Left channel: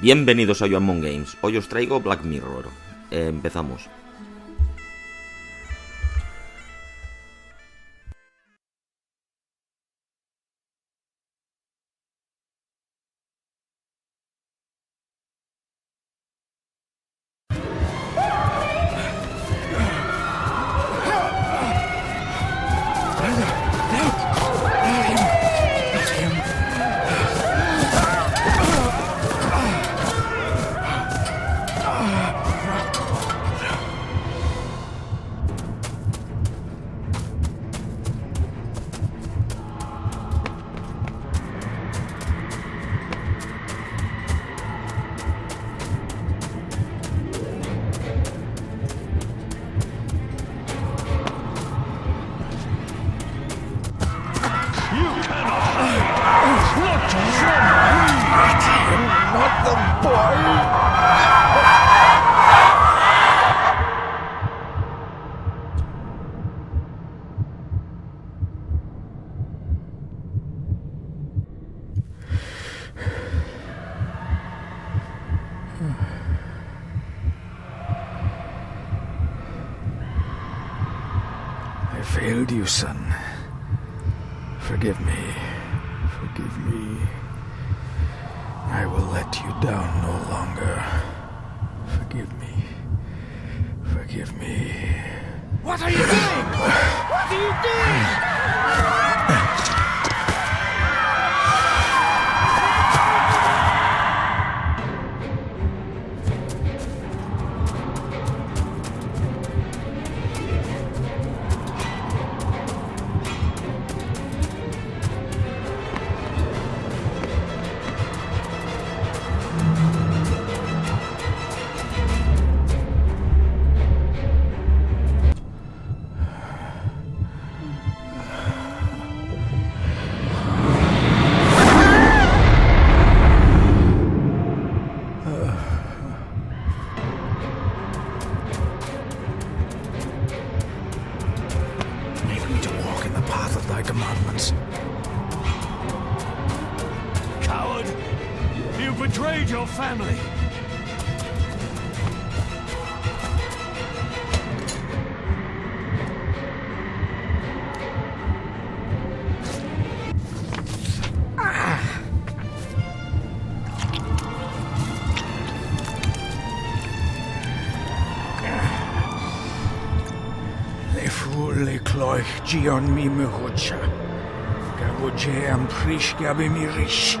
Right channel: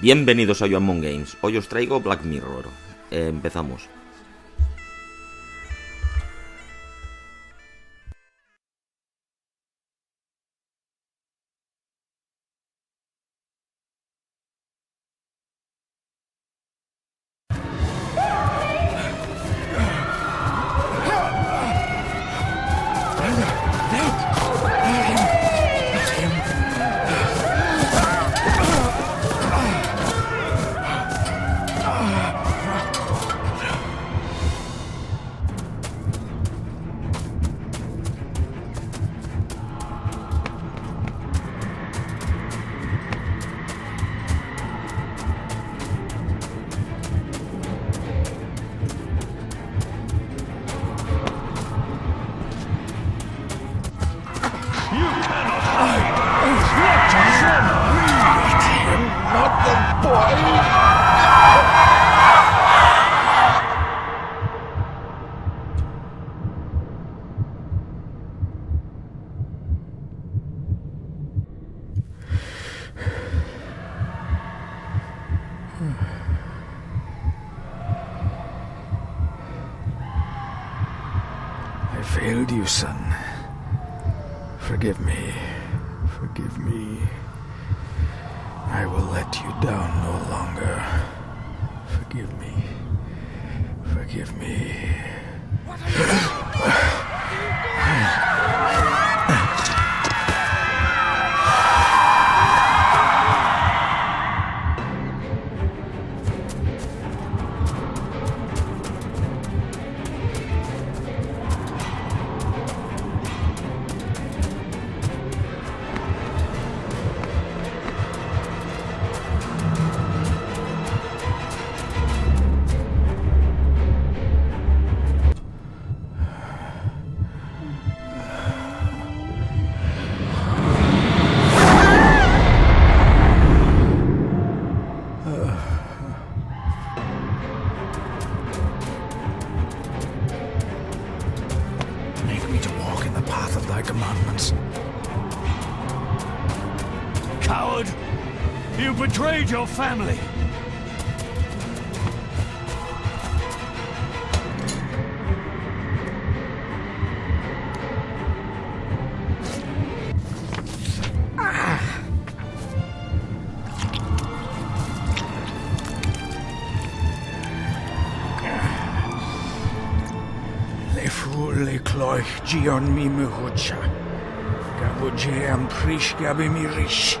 Bienvenidos a Among Games. Hoy os traigo Black Mirror. Empezamos. I failed you, son. Forgive me. Forgive me. I will let you down no longer. Forgive me. Forgive me. What are you doing? What are you doing? Make me to walk in the path of thy commandments. Coward! You betrayed your family! Le cloich gion mi muhucha. Gabuje am prish gabi mi rish.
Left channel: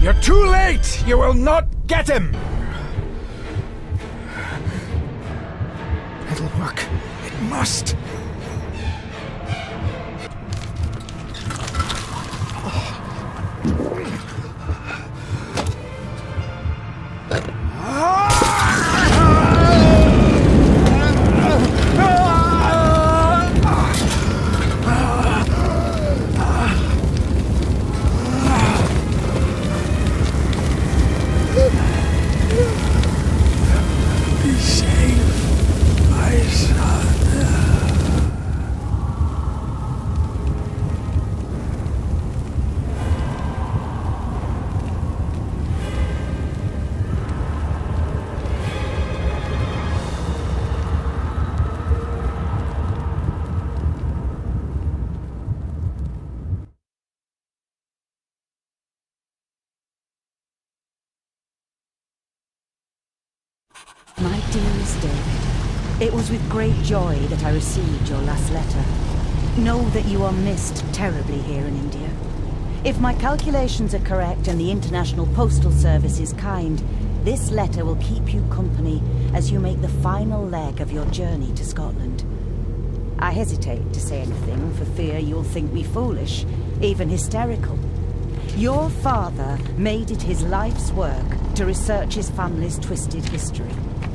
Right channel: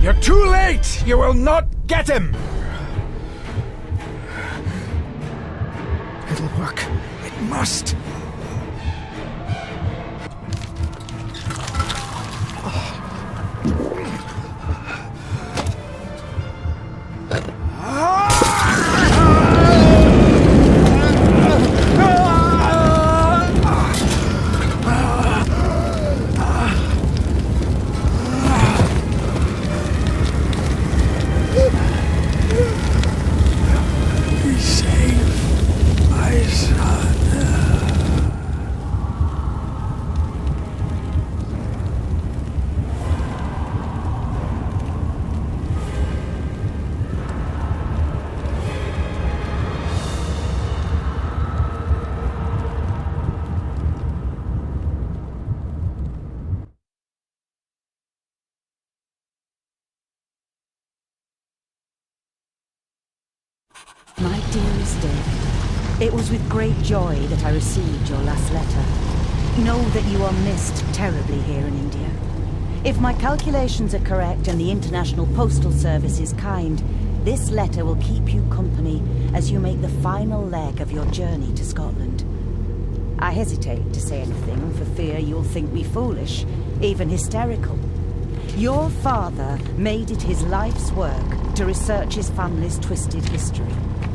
You're too late! You will not get him! It'll work. It must. My dearest David, it was with great joy that I received your last letter. Know that you are missed terribly here in India. If my calculations are correct and the International Postal Service is kind, this letter will keep you company as you make the final leg of your journey to Scotland. I hesitate to say anything for fear you'll think me foolish, even hysterical. Your father made it his life's work to research his family's twisted history.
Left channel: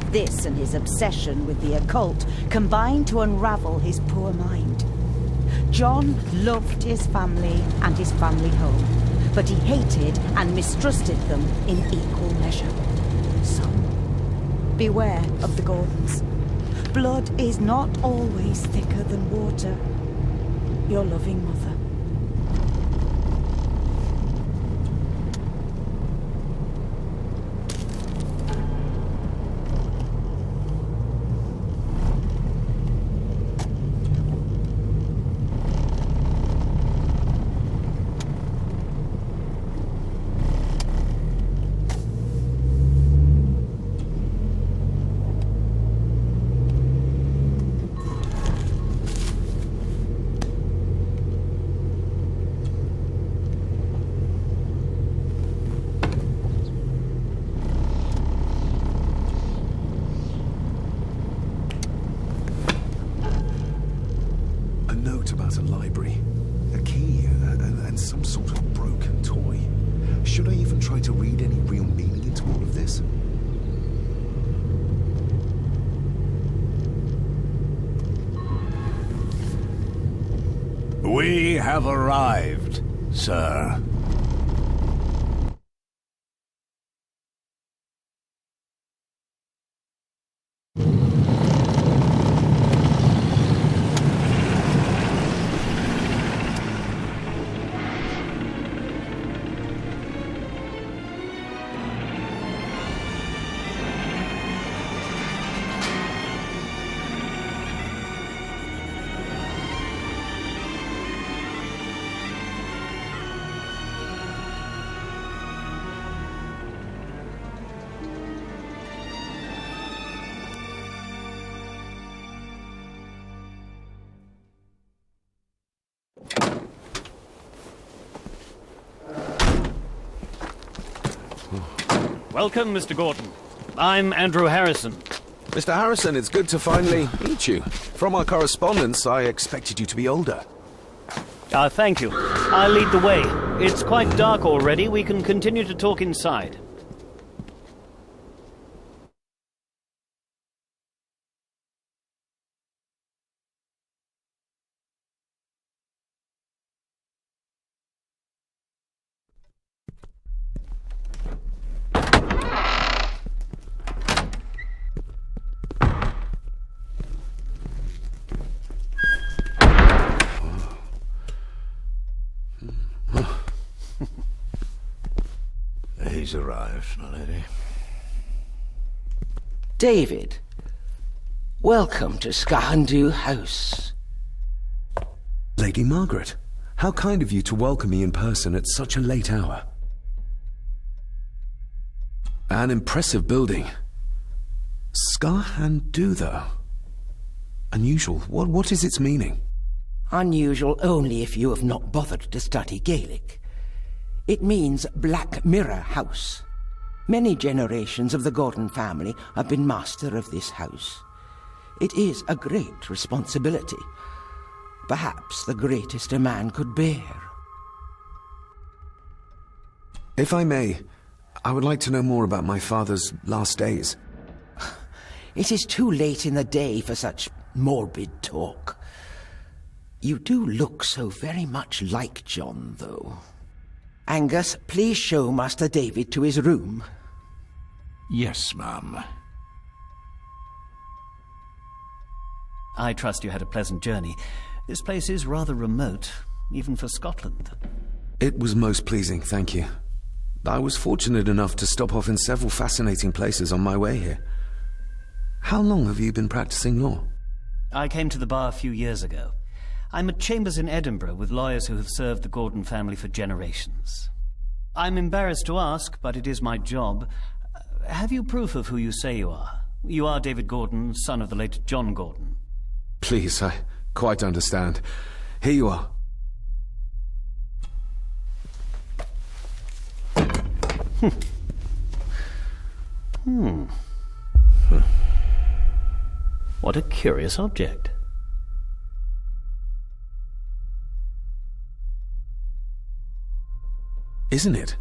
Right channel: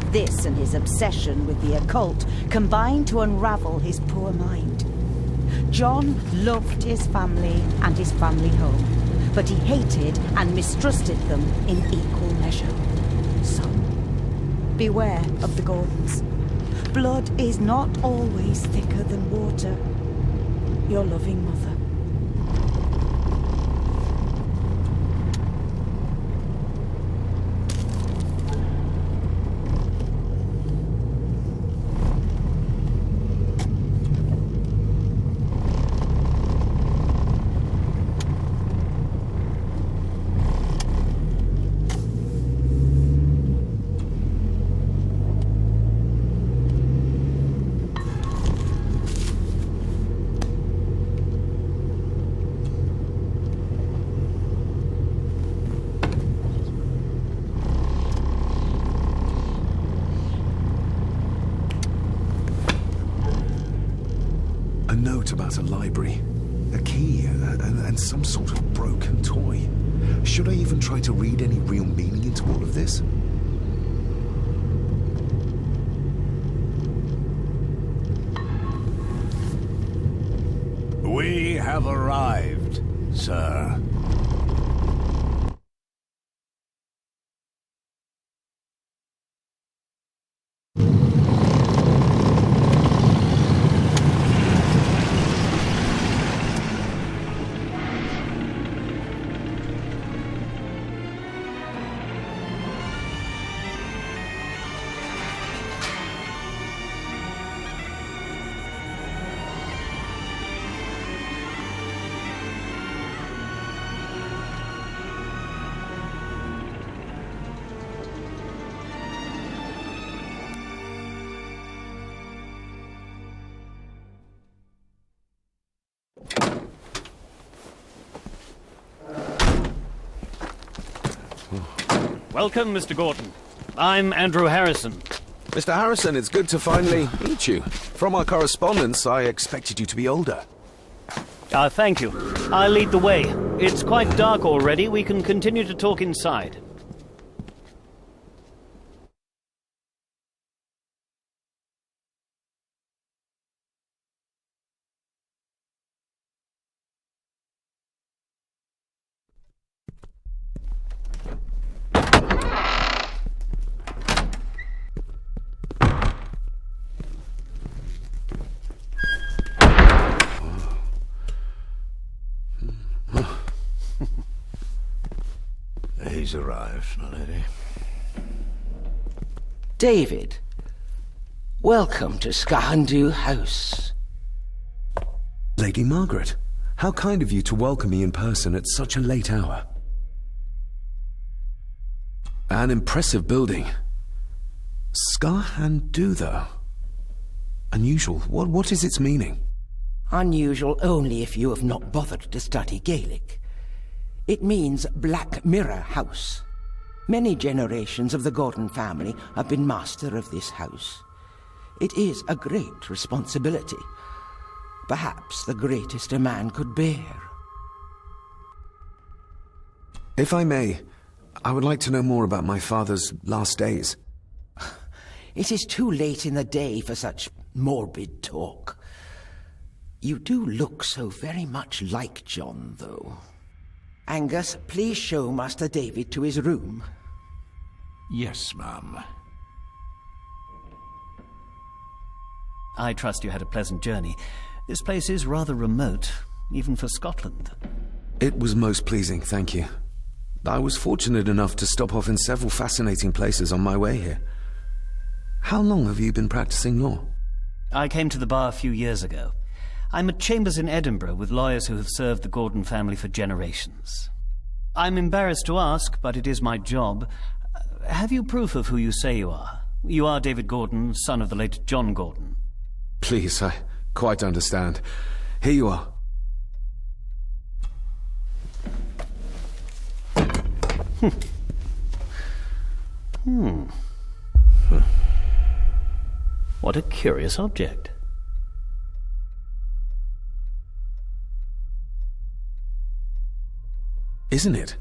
This and his obsession with the occult combined to unravel his poor mind. John loved his family and his family home, but he hated and mistrusted them in equal measure. Son, beware of the Gordons. Blood is not always thicker than water. Your loving mother. note about a library, a key, and some sort of broken toy. Should I even try to read any real meaning into all of this? We have arrived, sir. Welcome, Mr. Gordon. I'm Andrew Harrison. Mr. Harrison, it's good to finally meet you. From our correspondence, I expected you to be older. Thank you. I'll lead the way. It's quite dark already. We can continue to talk inside. He's arrived, my lady. David, welcome to Skahandu House. Lady Margaret, how kind of you to welcome me in person at such a late hour. An impressive building. Skahandu, though. Unusual. What is its meaning? Unusual only if you have not bothered to study Gaelic. It means Black Mirror House. Many generations of the Gordon family have been master of this house. It is a great responsibility. Perhaps the greatest a man could bear. If I may, I would like to know more about my father's last days. It is too late in the day for such morbid talk. You do look so very much like John, though. Angus, please show Master David to his room. Yes, ma'am. I trust you had a pleasant journey. This place is rather remote, even for Scotland. It was most pleasing, thank you. I was fortunate enough to stop off in several fascinating places on my way here. How long have you been practicing law? I came to the bar a few years ago. I'm at Chambers in Edinburgh with lawyers who have served the Gordon family for generations. I'm embarrassed to ask, but it is my job. Have you proof of who you say you are? You are David Gordon, son of the late John Gordon. Please, I quite understand. Here you are. What a curious object. Isn't it?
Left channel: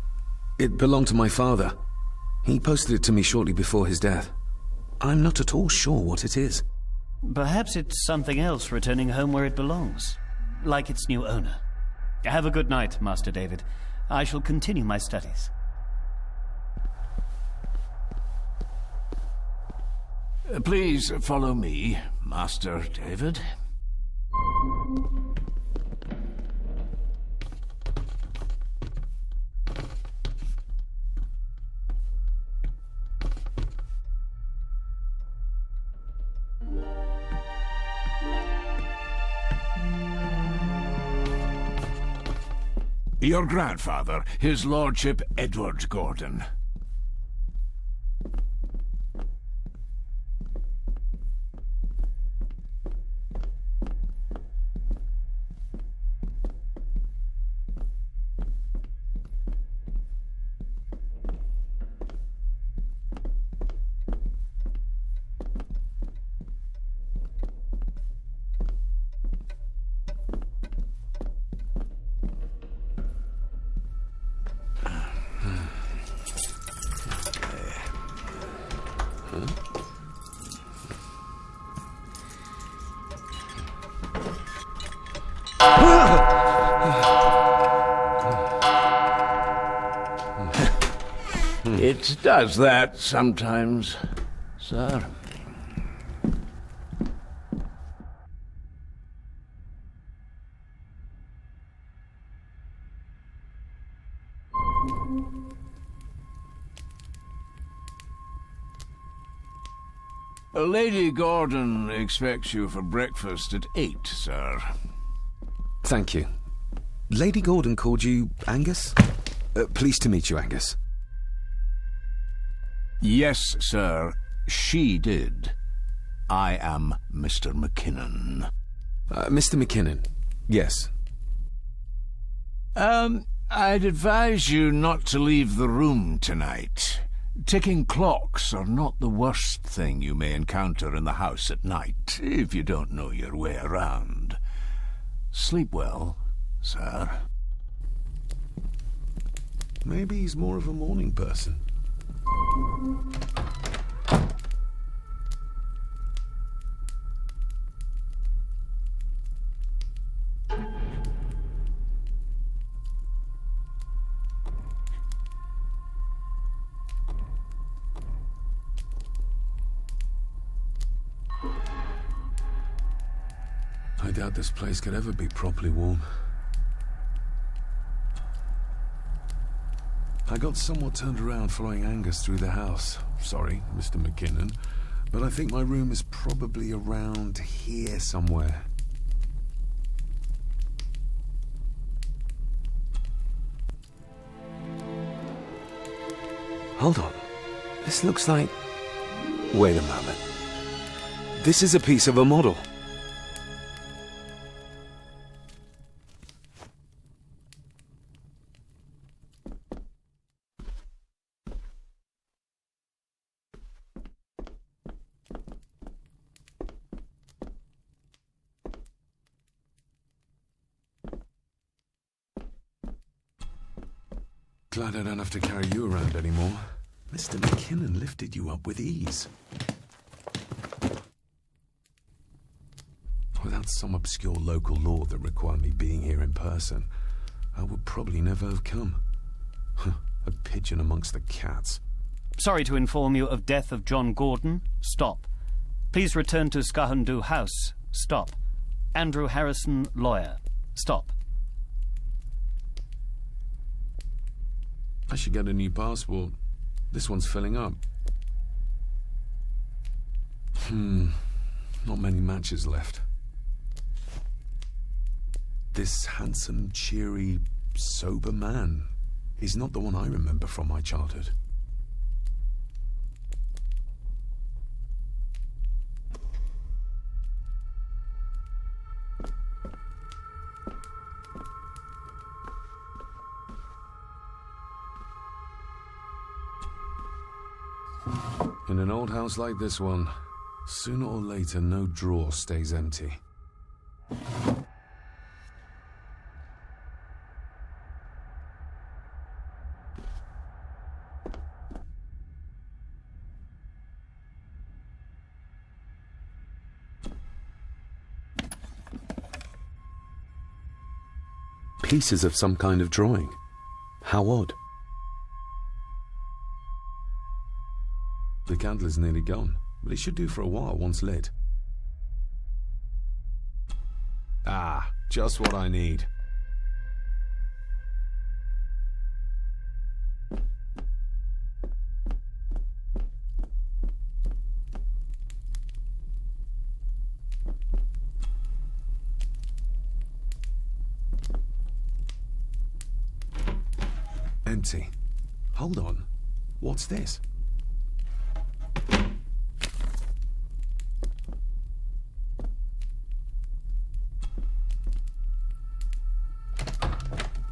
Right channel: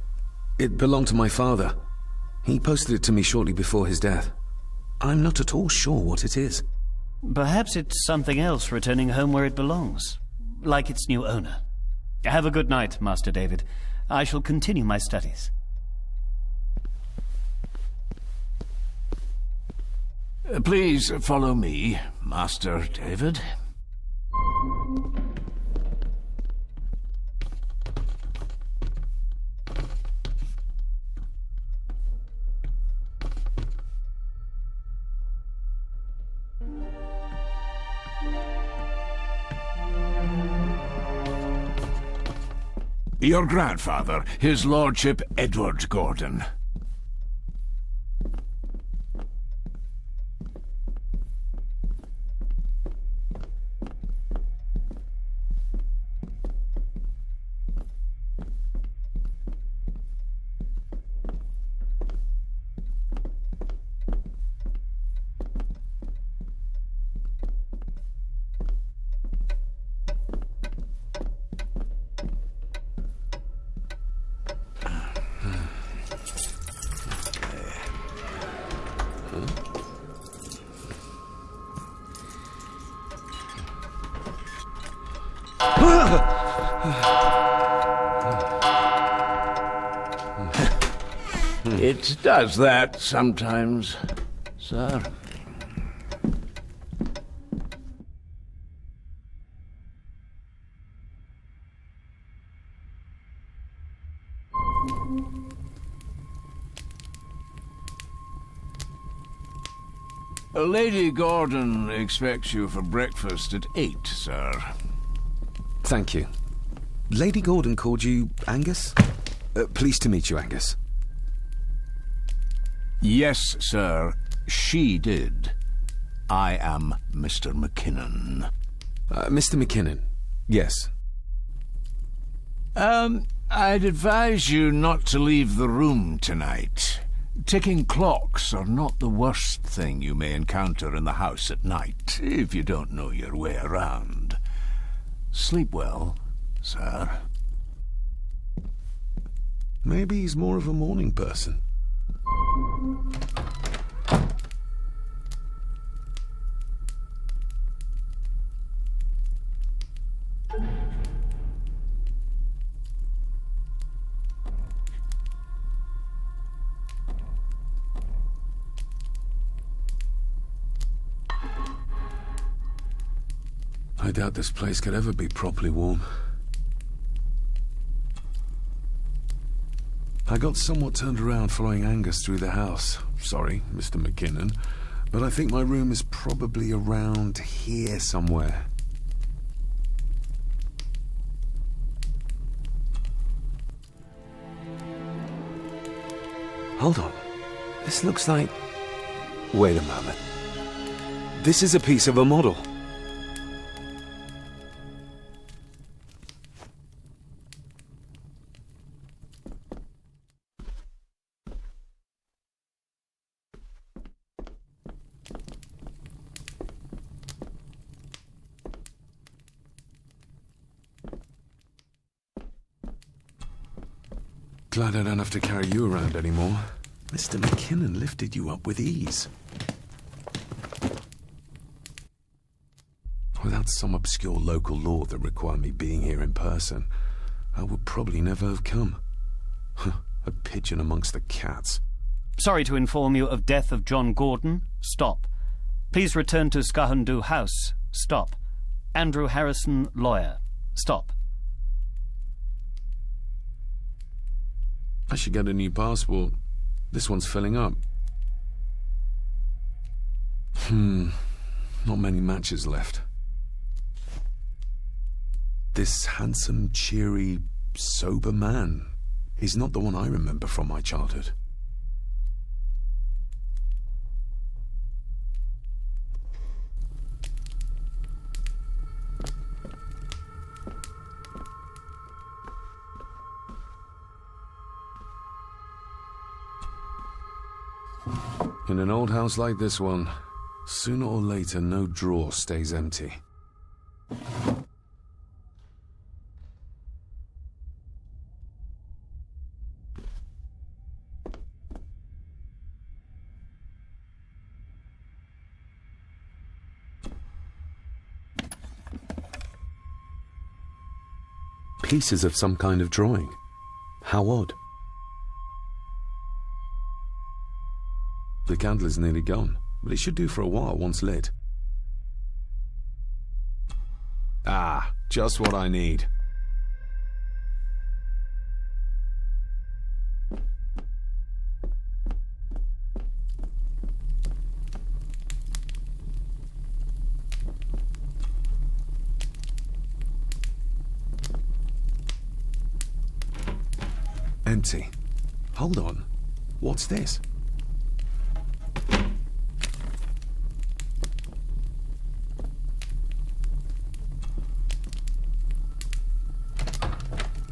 It belonged to my father. He posted it to me shortly before his death. I'm not at all sure what it is. Perhaps it's something else returning home where it belongs, like its new owner. Have a good night, Master David. I shall continue my studies. Please follow me, Master David. Your grandfather, His Lordship Edward Gordon. It does that sometimes, sir. Lady Gordon expects you for breakfast at 8, sir. Thank you. Lady Gordon called you Angus? Pleased to meet you, Angus. Yes, sir, she did. I am Mr. McKinnon. Mr. McKinnon, yes. I'd advise you not to leave the room tonight. Ticking clocks are not the worst thing you may encounter in the house at night, if you don't know your way around. Sleep well, sir. Maybe he's more of a morning person. I doubt this place could ever be properly warm. I got somewhat turned around following Angus through the house. Sorry, Mr. McKinnon, but I think my room is probably around here somewhere. Hold on. This looks like... Wait a moment. This is a piece of a model. Glad I don't have to carry you around anymore. Mr. McKinnon lifted you up with ease. Without some obscure local law that required me being here in person, I would probably never have come. A pigeon amongst the cats. Sorry to inform you of death of John Gordon. Stop. Please return to Skahundu House. Stop. Andrew Harrison, lawyer. Stop. I should get a new passport. This one's filling up. Not many matches left. This handsome, cheery, sober man is not the one I remember from my childhood. In an old house like this one, sooner or later no drawer stays empty. Pieces of some kind of drawing. How odd. The candle is nearly gone, but it should do for a while once lit. Ah, just what I need. Empty. Hold on. What's this?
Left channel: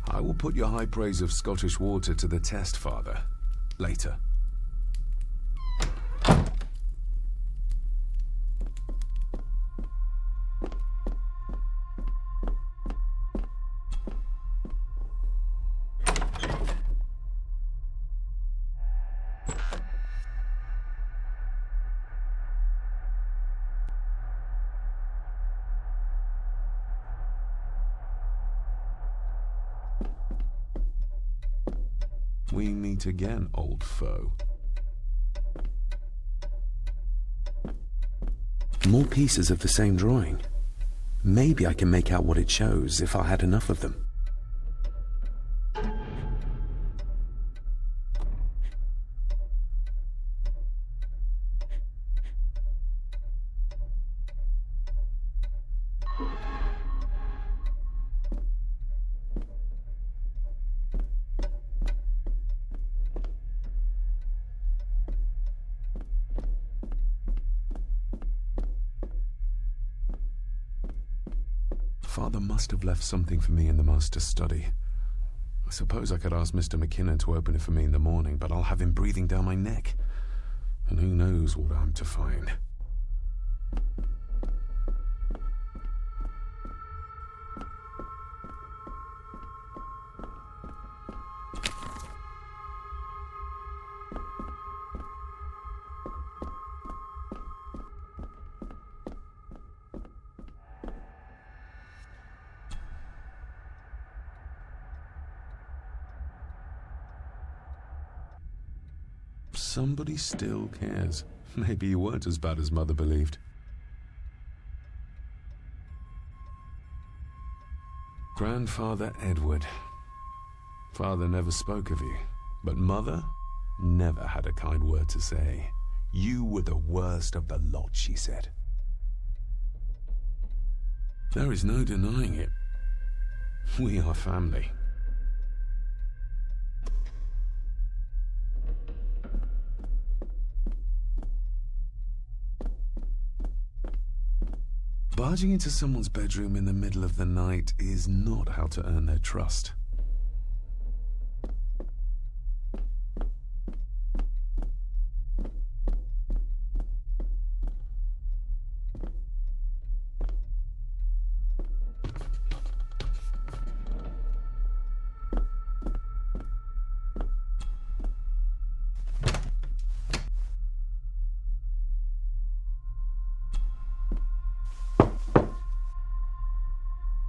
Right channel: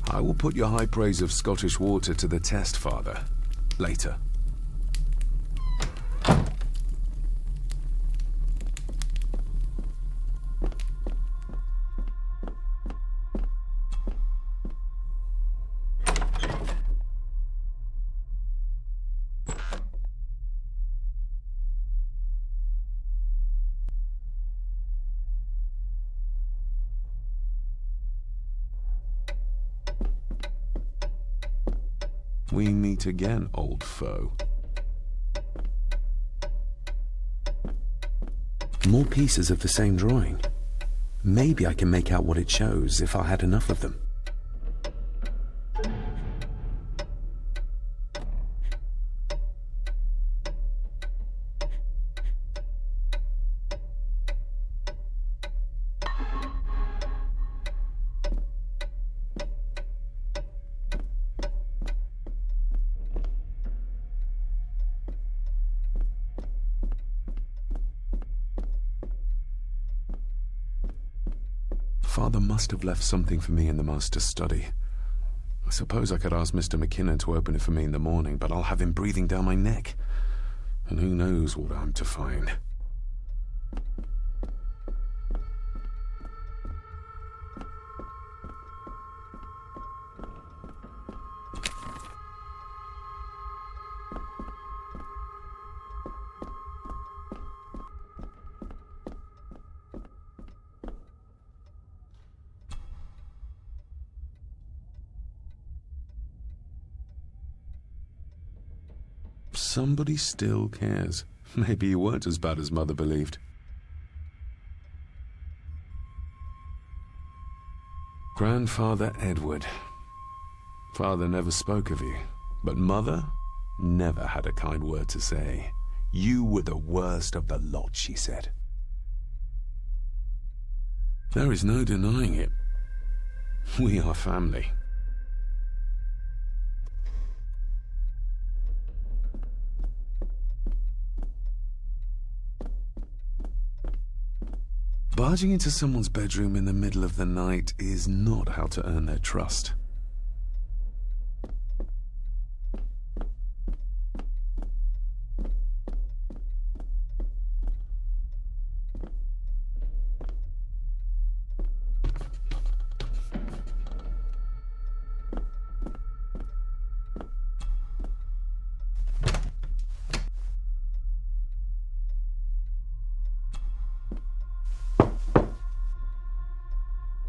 I will put your high praise of Scottish water to the test, Father. Later. We meet again, old foe. More pieces of the same drawing. Maybe I can make out what it shows if I had enough of them. Father must have left something for me in the master's study. I suppose I could ask Mr. McKinnon to open it for me in the morning, but I'll have him breathing down my neck. And who knows what I'm to find. Somebody still cares. Maybe you weren't as bad as Mother believed. Grandfather Edward. Father never spoke of you, but Mother never had a kind word to say. You were the worst of the lot, she said. There is no denying it. We are family. Barging into someone's bedroom in the middle of the night is not how to earn their trust.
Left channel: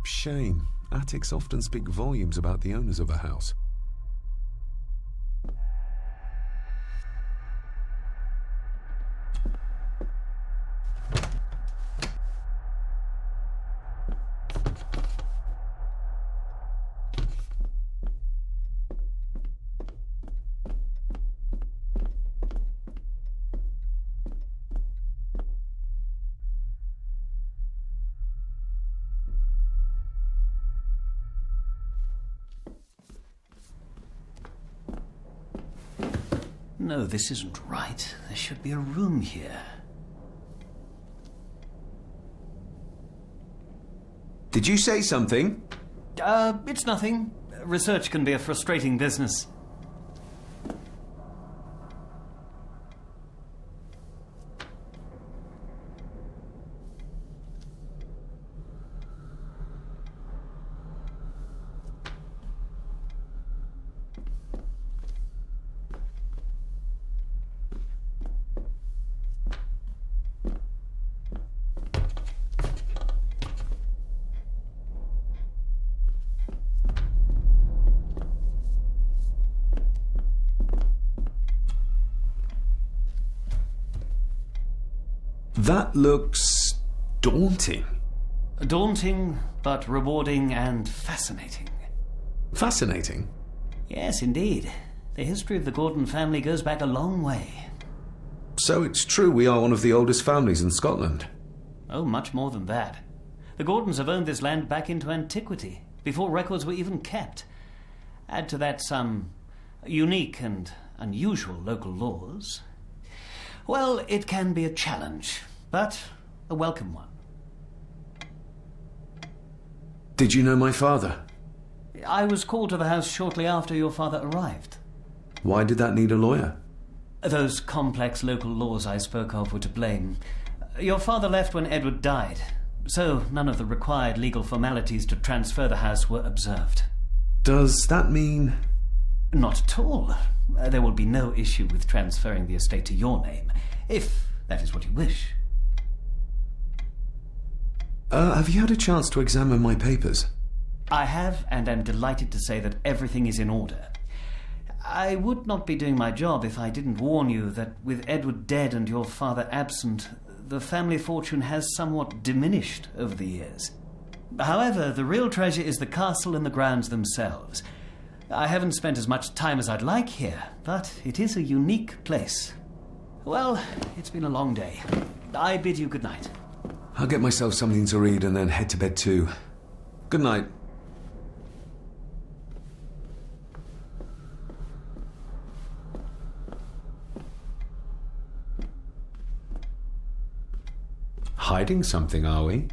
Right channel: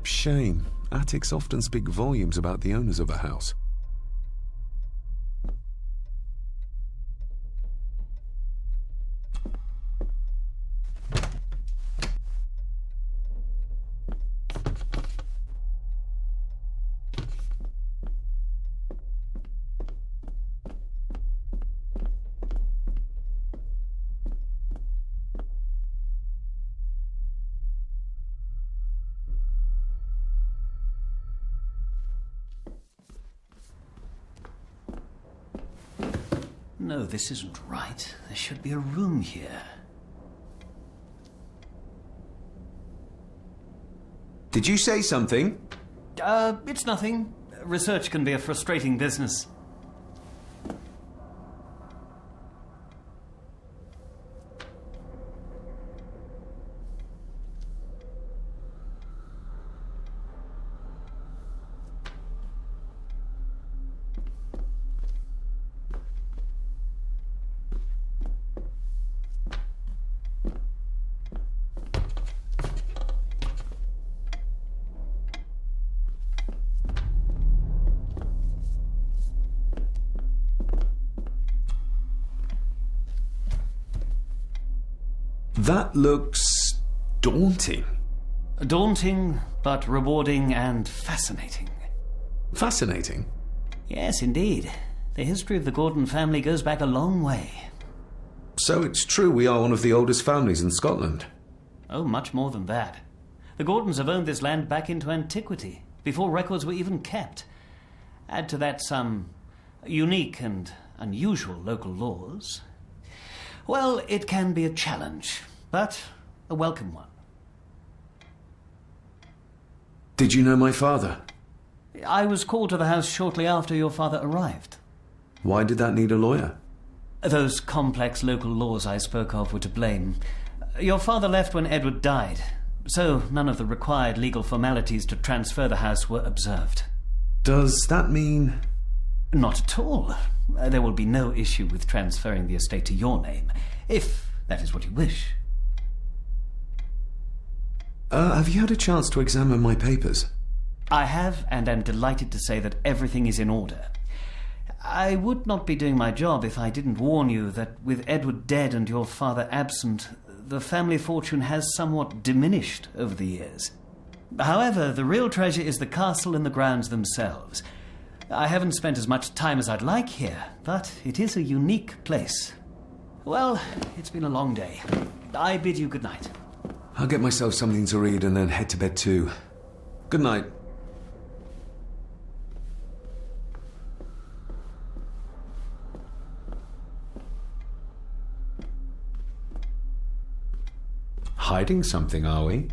Shame. Attics often speak volumes about the owners of a house. No, this isn't right. There should be a room here. Did you say something? It's nothing. Research can be a frustrating business. That looks daunting. Daunting, but rewarding and fascinating. Fascinating? Yes, indeed. The history of the Gordon family goes back a long way. So it's true we are one of the oldest families in Scotland? Oh, much more than that. The Gordons have owned this land back into antiquity, before records were even kept. Add to that some unique and unusual local laws. Well, it can be a challenge, but a welcome one. Did you know my father? I was called to the house shortly after your father arrived. Why did that need a lawyer? Those complex local laws I spoke of were to blame. Your father left when Edward died, so none of the required legal formalities to transfer the house were observed. Does that mean... Not at all. There will be no issue with transferring the estate to your name, if that is what you wish. Have you had a chance to examine my papers? I have, and am delighted to say that everything is in order. I would not be doing my job if I didn't warn you that with Edward dead and your father absent, the family fortune has somewhat diminished over the years. However, the real treasure is the castle and the grounds themselves. I haven't spent as much time as I'd like here, but it is a unique place. Well, it's been a long day. I bid you good night. I'll get myself something to read and then head to bed too. Good night. Hiding something, are we?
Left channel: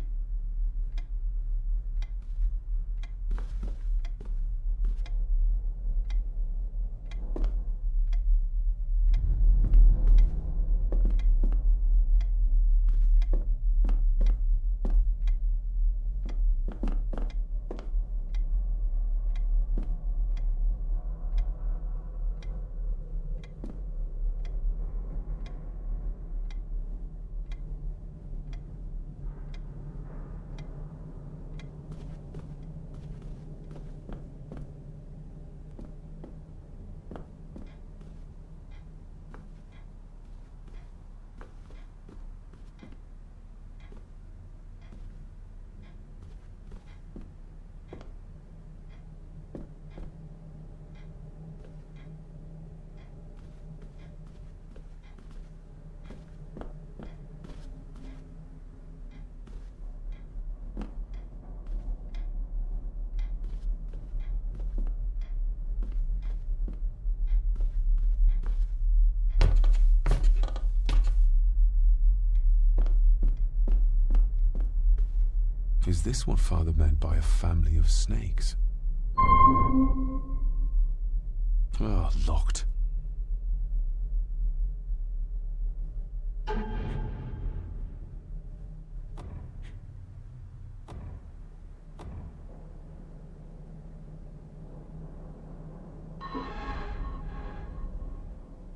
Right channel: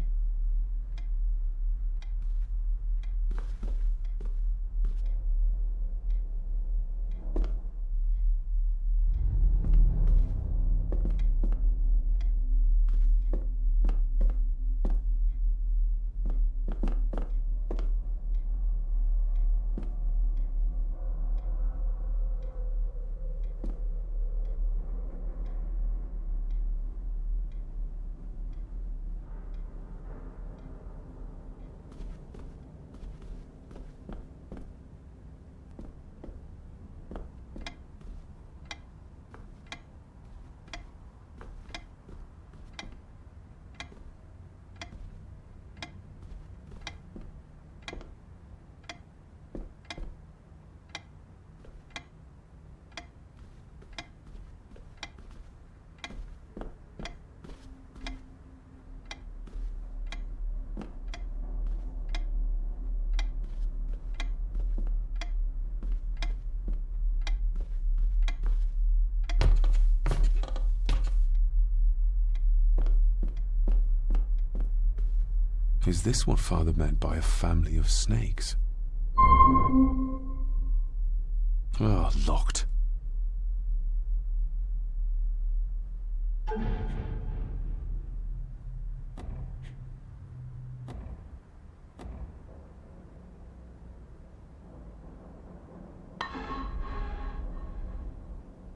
Is this what Father meant by a family of snakes? Oh, locked.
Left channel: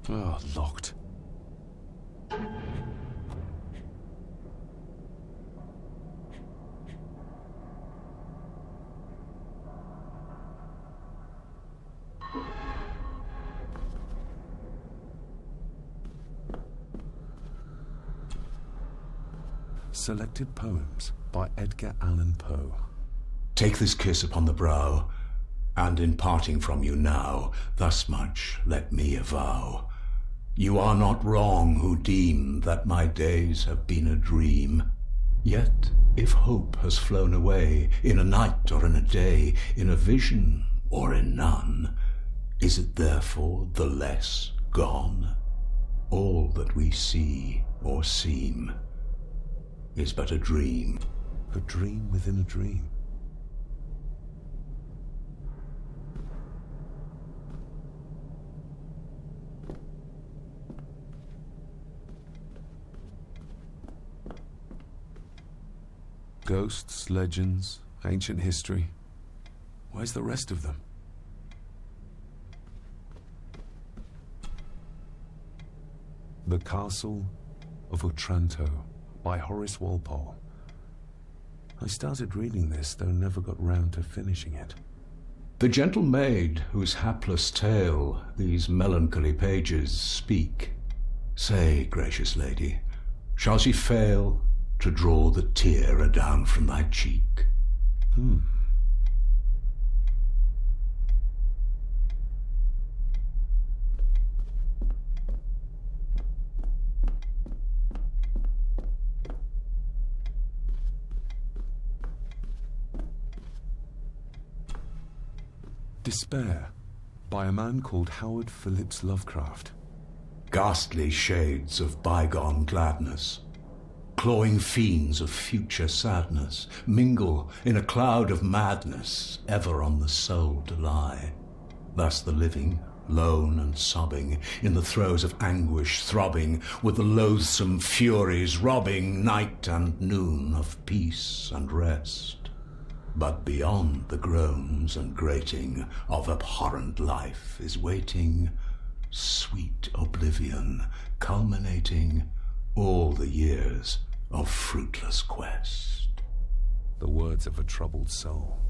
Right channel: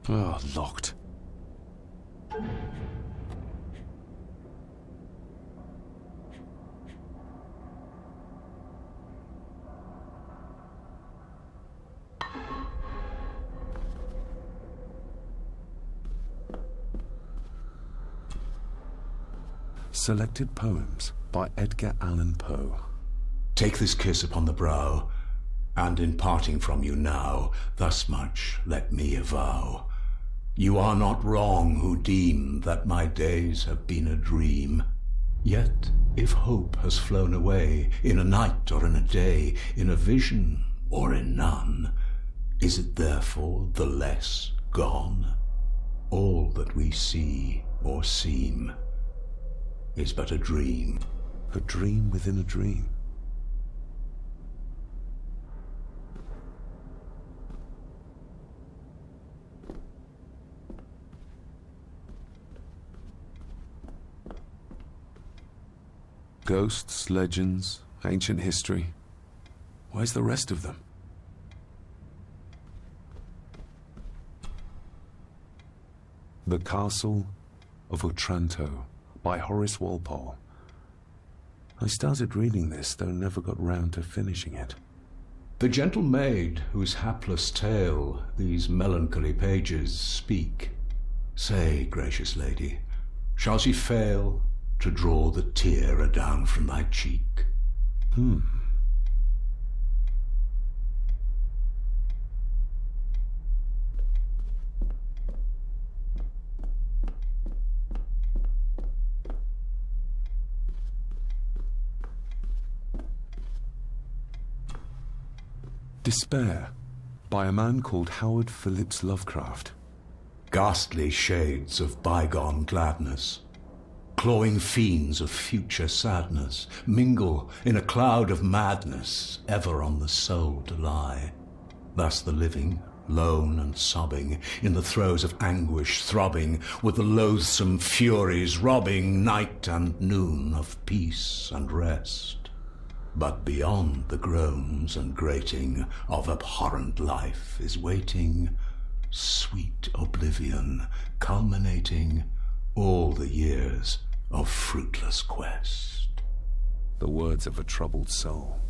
Oh, locked. Selected Poems by Edgar Allan Poe. Take this kiss upon the brow, and in parting from you now, thus much let me avow. You are not wrong who deem that my days have been a dream. Yet, if hope has flown away, in a night or in a day, in a vision or in none, is it therefore the less gone? All that we see or seem is but a dream. A dream within a dream. Ghosts, legends, ancient history. Where's the rest of them? The Castle of Otranto by Horace Walpole. I started reading this, though never got round to finishing it. The gentle maid whose hapless tale these melancholy pages speak, say, gracious lady, shall she fail to draw the tear adown from thy cheek? Despair by a man called Howard Phillips Lovecraft. Ghastly shades of bygone gladness, clawing fiends of future sadness, mingle in a cloud of madness, ever on the soul to lie. Thus the living, lone and sobbing, in the throes of anguish throbbing, with the loathsome furies robbing night and noon of peace and rest. But beyond the groans and grating of abhorrent life is waiting sweet oblivion, culminating all the years of fruitless quest. The words of a troubled soul.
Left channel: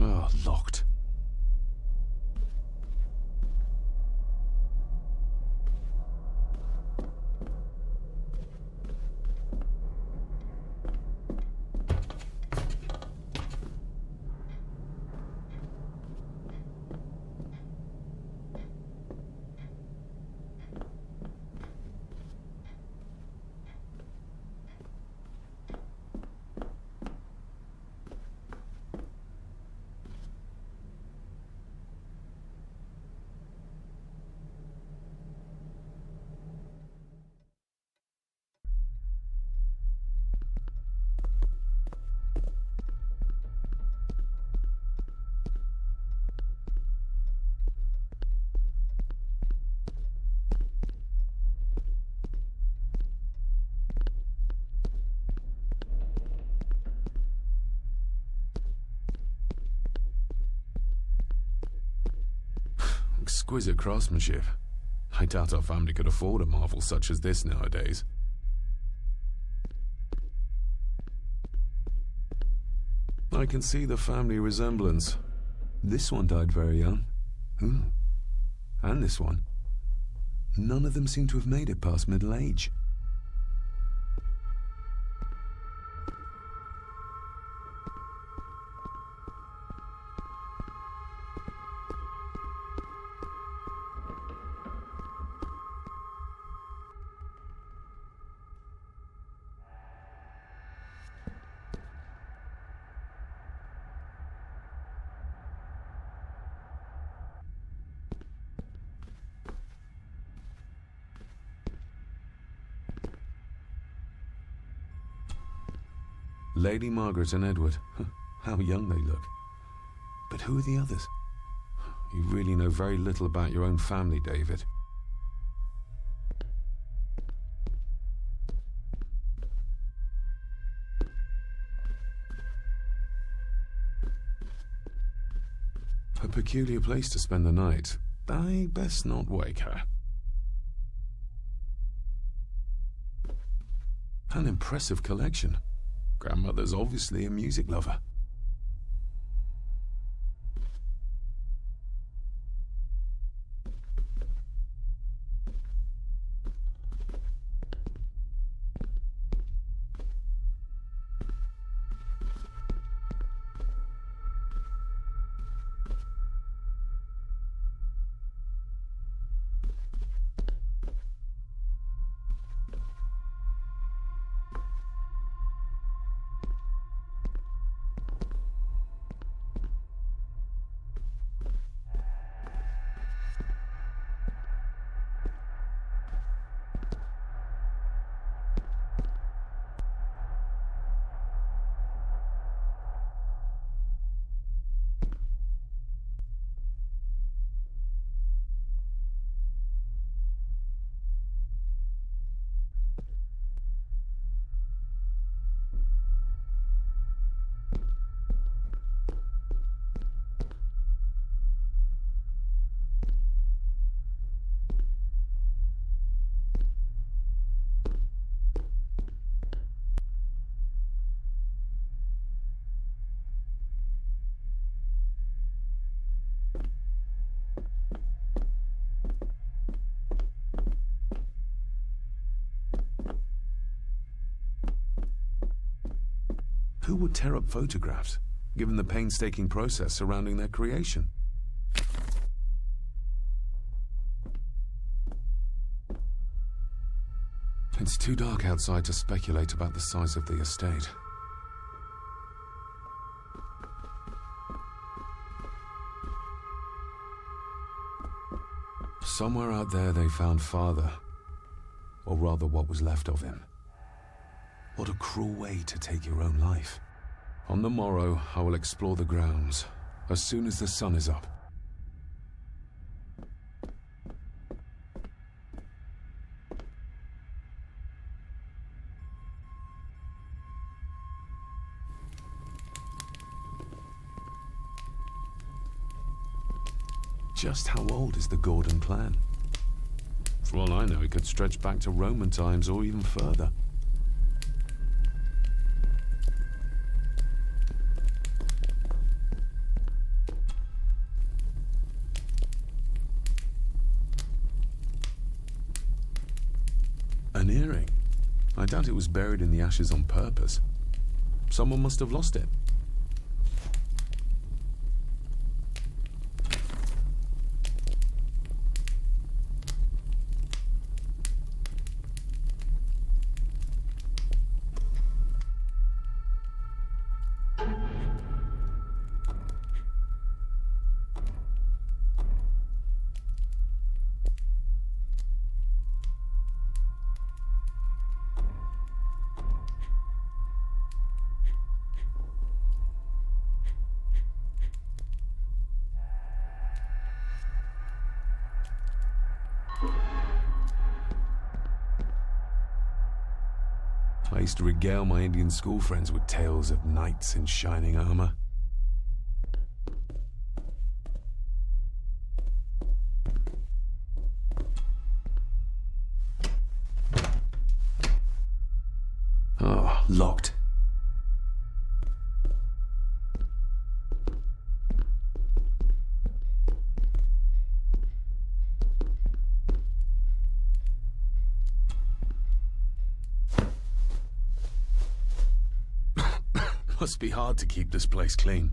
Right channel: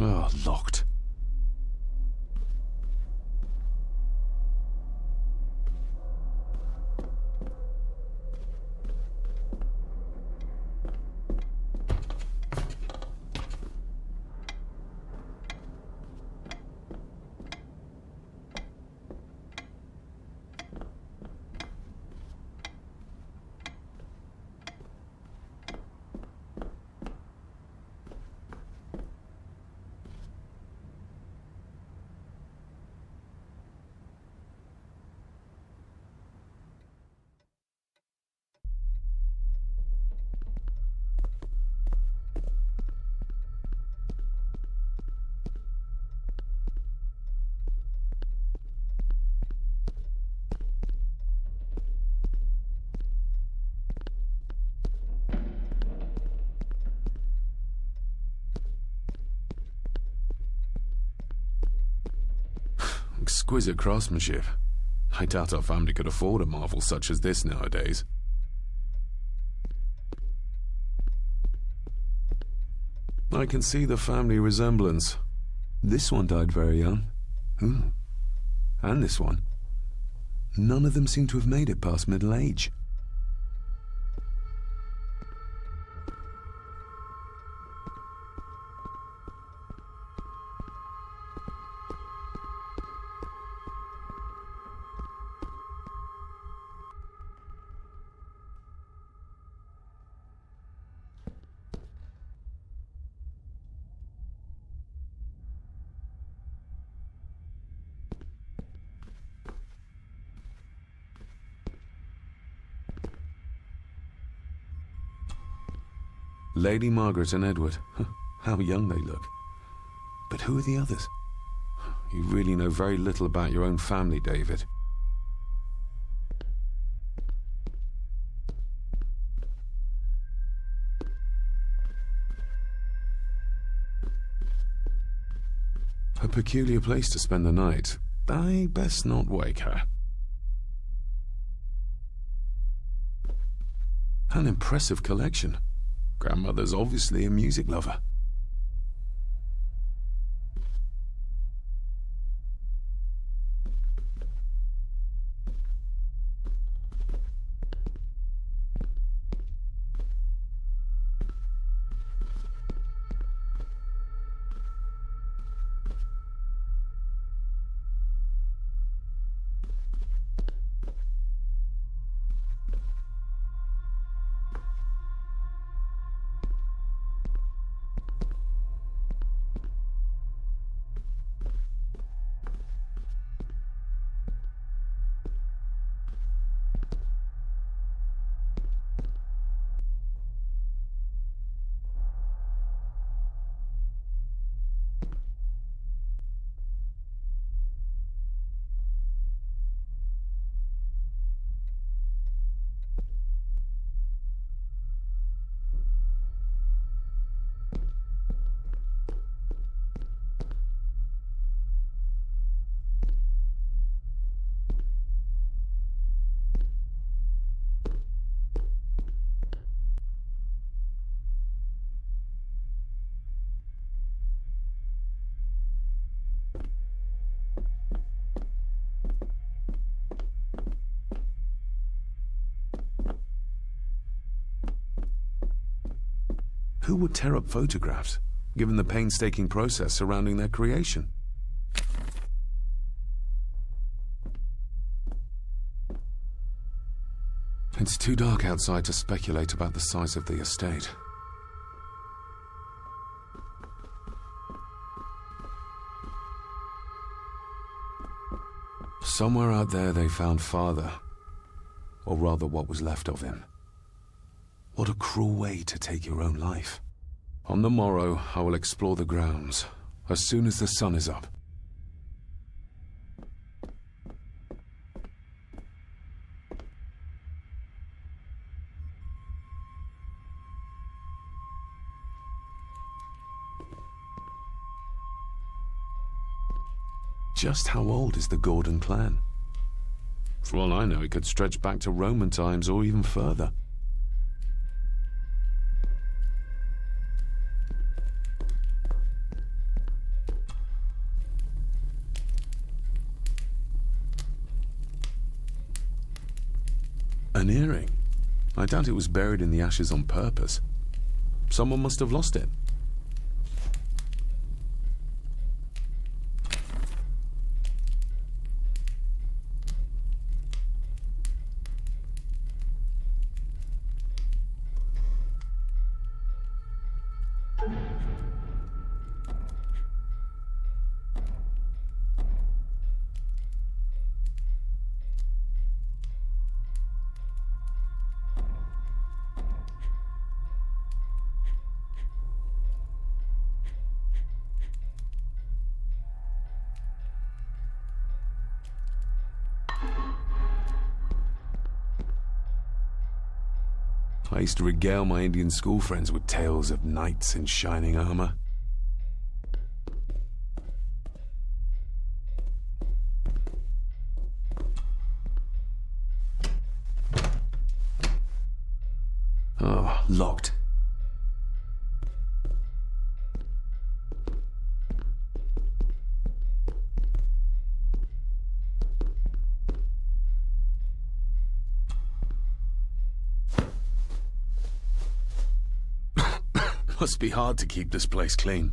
Oh, locked. Exquisite craftsmanship. I doubt our family could afford a marvel such as this nowadays. I can see the family resemblance. This one died very young. And this one. None of them seem to have made it past middle age. Lady Margaret and Edward. How young they look. But who are the others? You really know very little about your own family, David. A peculiar place to spend the night. I best not wake her. An impressive collection. Grandmother's obviously a music lover. Who would tear up photographs, given the painstaking process surrounding their creation? It's too dark outside to speculate about the size of the estate. Somewhere out there they found Father, or rather what was left of him. What a cruel way to take your own life. On the morrow, I will explore the grounds, as soon as the sun is up. Just how old is the Gordon clan? For all I know, it could stretch back to Roman times or even further. An earring? I doubt it was buried in the ashes on purpose. Someone must have lost it. I used to regale my Indian school friends with tales of knights in shining armor. Oh, locked. Must be hard to keep this place clean.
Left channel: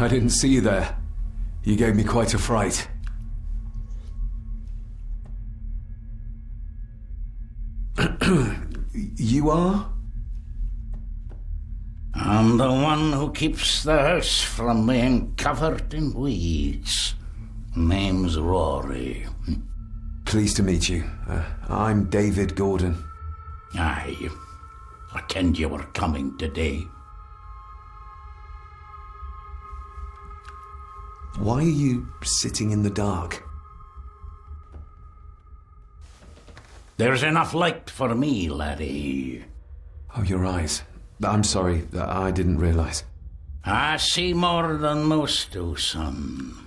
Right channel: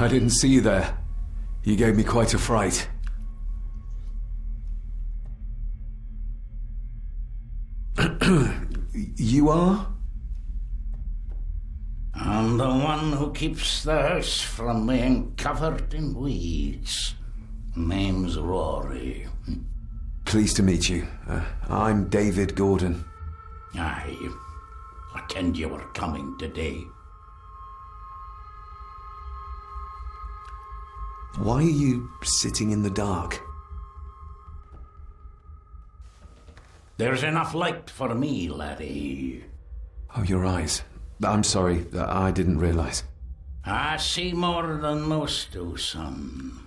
I didn't see you there. You gave me quite a fright. You are? I'm the one who keeps the house from being covered in weeds. Name's Rory. Pleased to meet you. I'm David Gordon. Aye. I kenned you were coming today. Why are you sitting in the dark? There's enough light for me, laddie. Oh, your eyes. I'm sorry, I didn't realize. I see more than most do, son.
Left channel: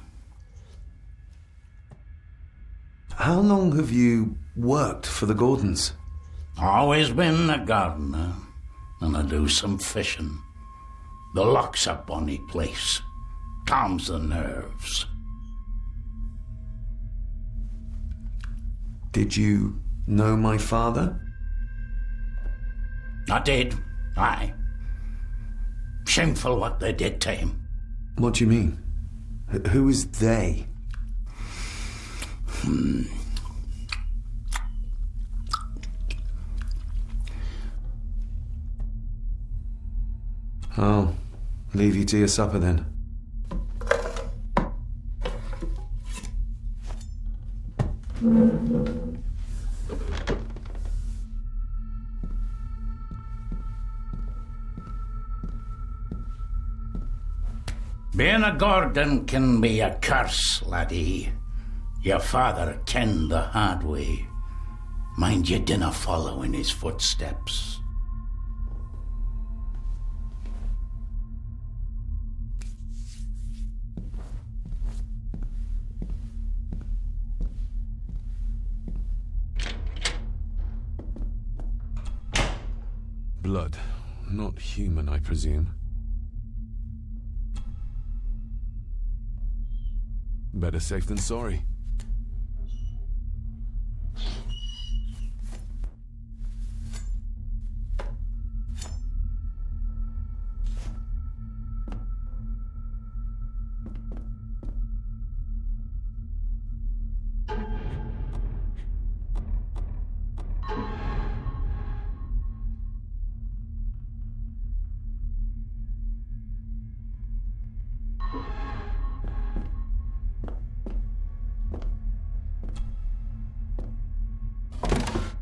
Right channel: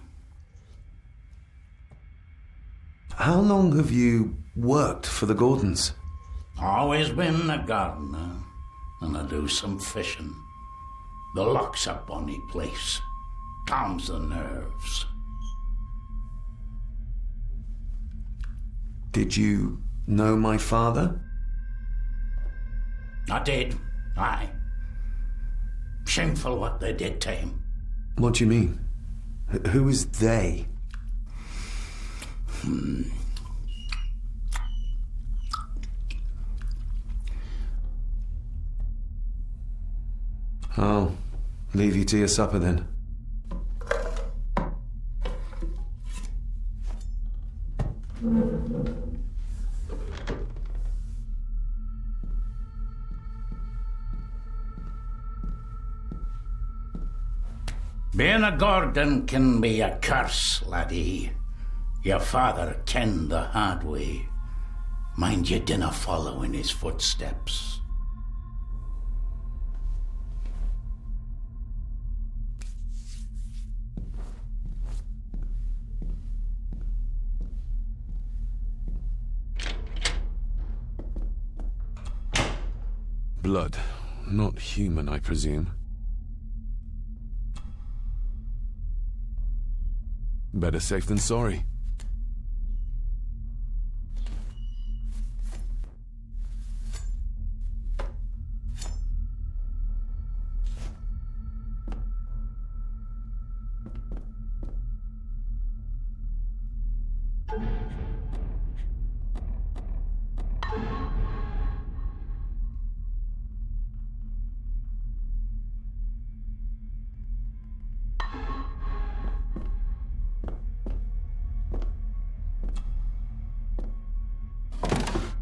How long have you worked for the Gordons? Always been a gardener, and I do some fishing. The loch's a bonny place. Calms the nerves. Did you know my father? I did, aye. Shameful what they did to him. What do you mean? Who is they? I'll leave you to your supper then. Being a Gordon can be a curse, laddie. Your father kenned the hard way. Mind you dinna follow in his footsteps. blood. Not human, I presume. Better safe than sorry.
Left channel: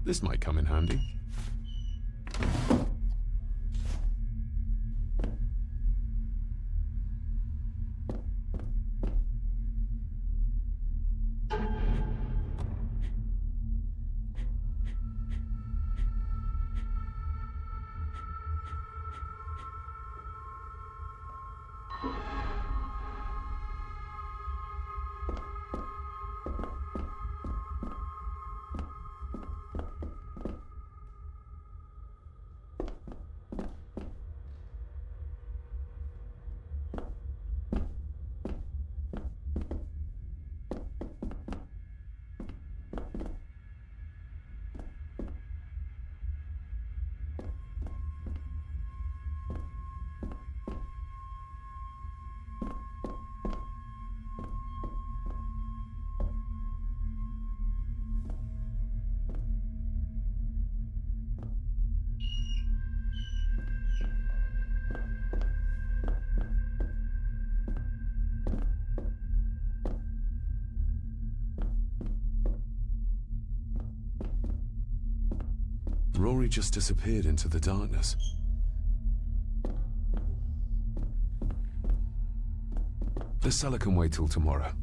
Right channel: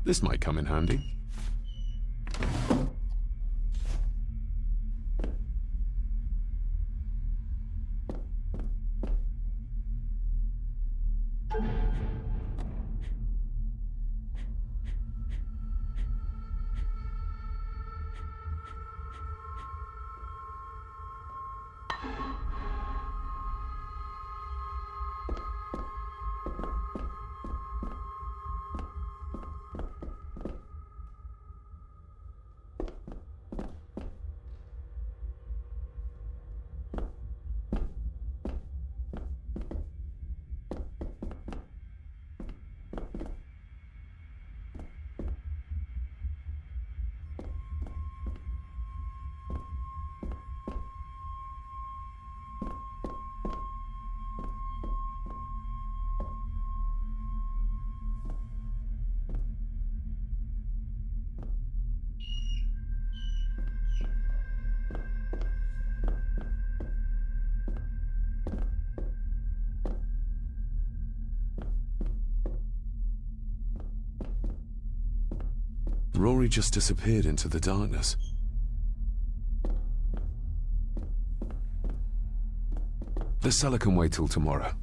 This might come in handy. Rory just disappeared into the darkness. The cellar can wait till tomorrow.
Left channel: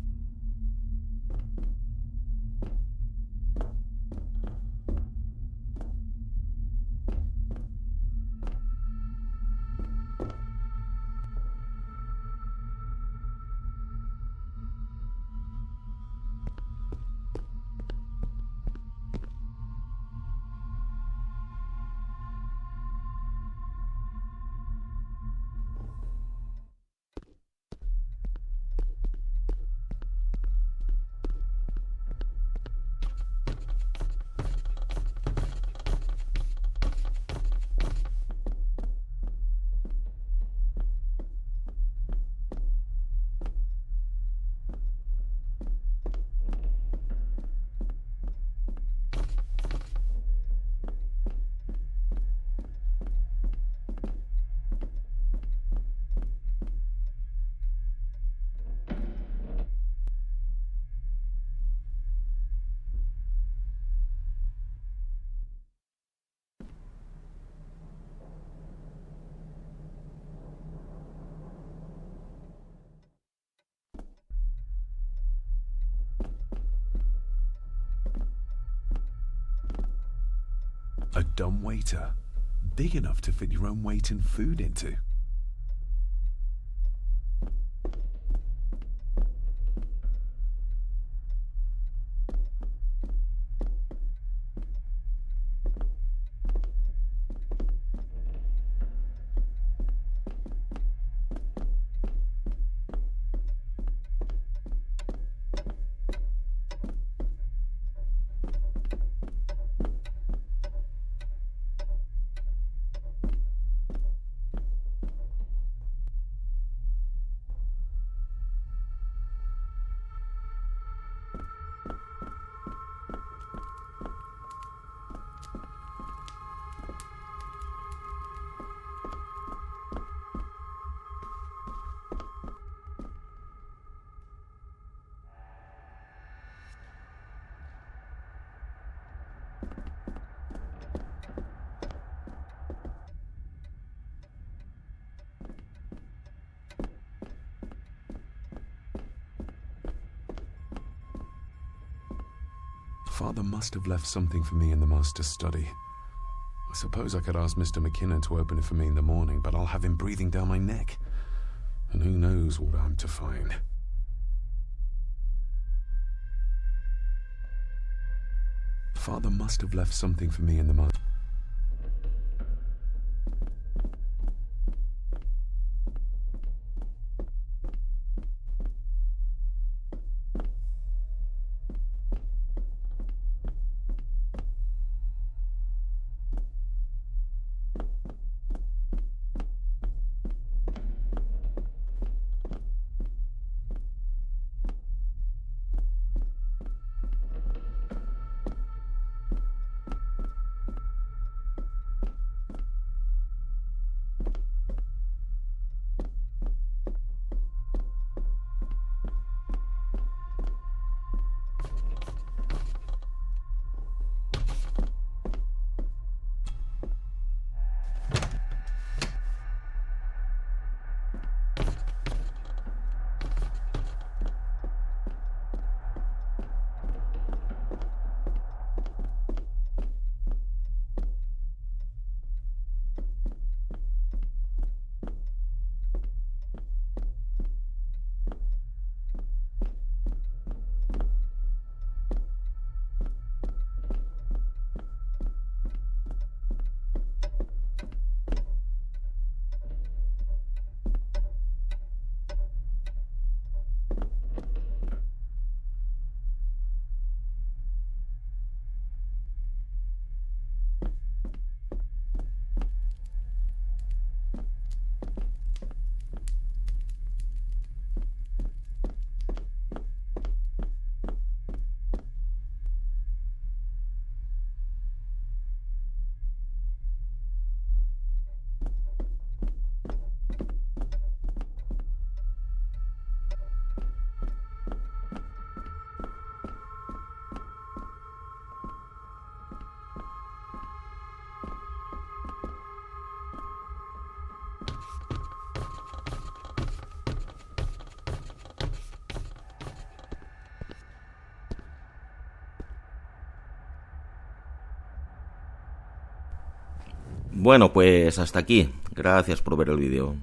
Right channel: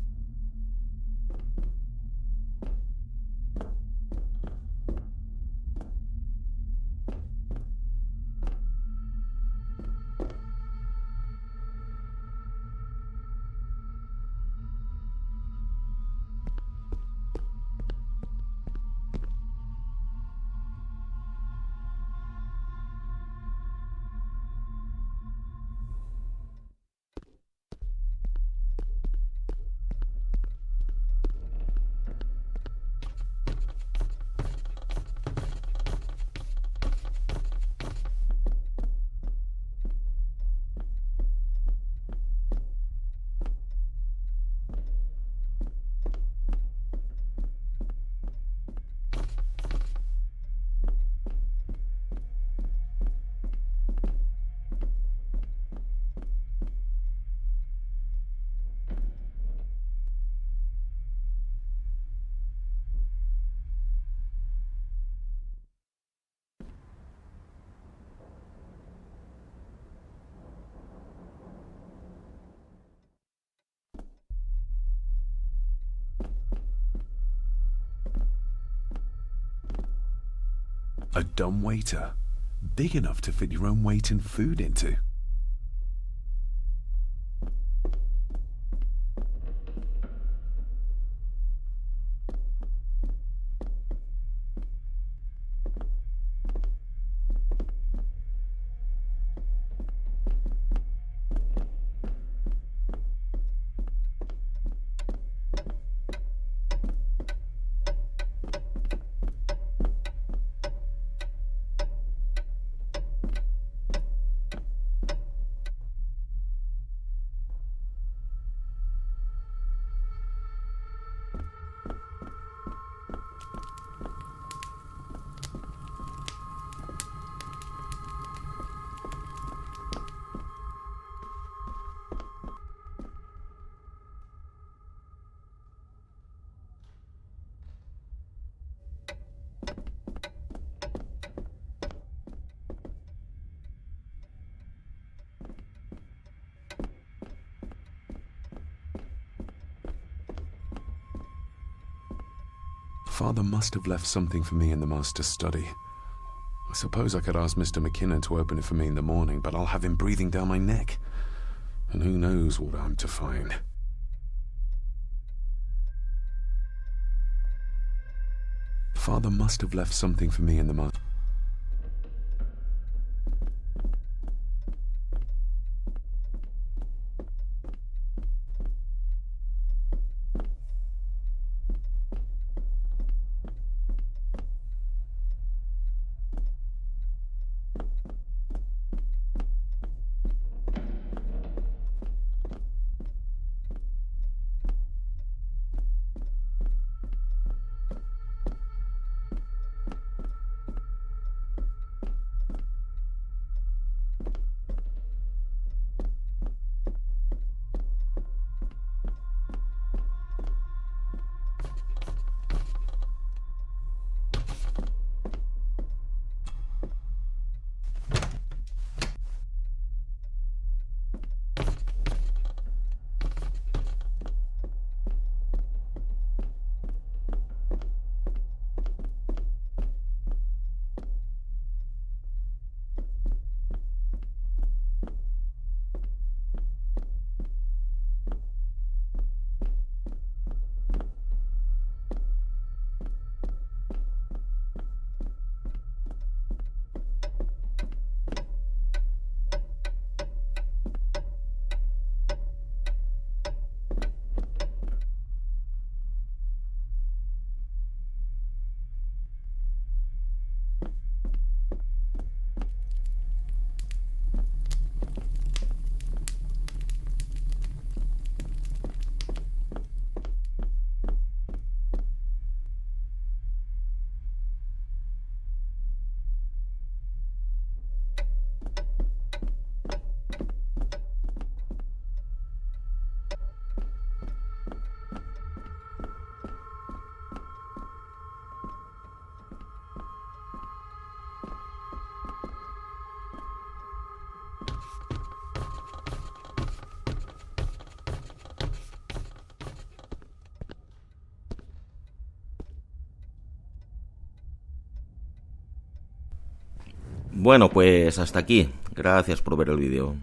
A dumbwaiter, big enough to fit your own weight and food into. Father must have left something for me in the master's study. I suppose I could ask Mr. McKinnon to open it for me in the morning, but I'll have him breathing down my neck. And who knows what I'm to find. Father must have left something for me in the master. Bueno, pues hasta aquí. Gracias por ver el vídeo.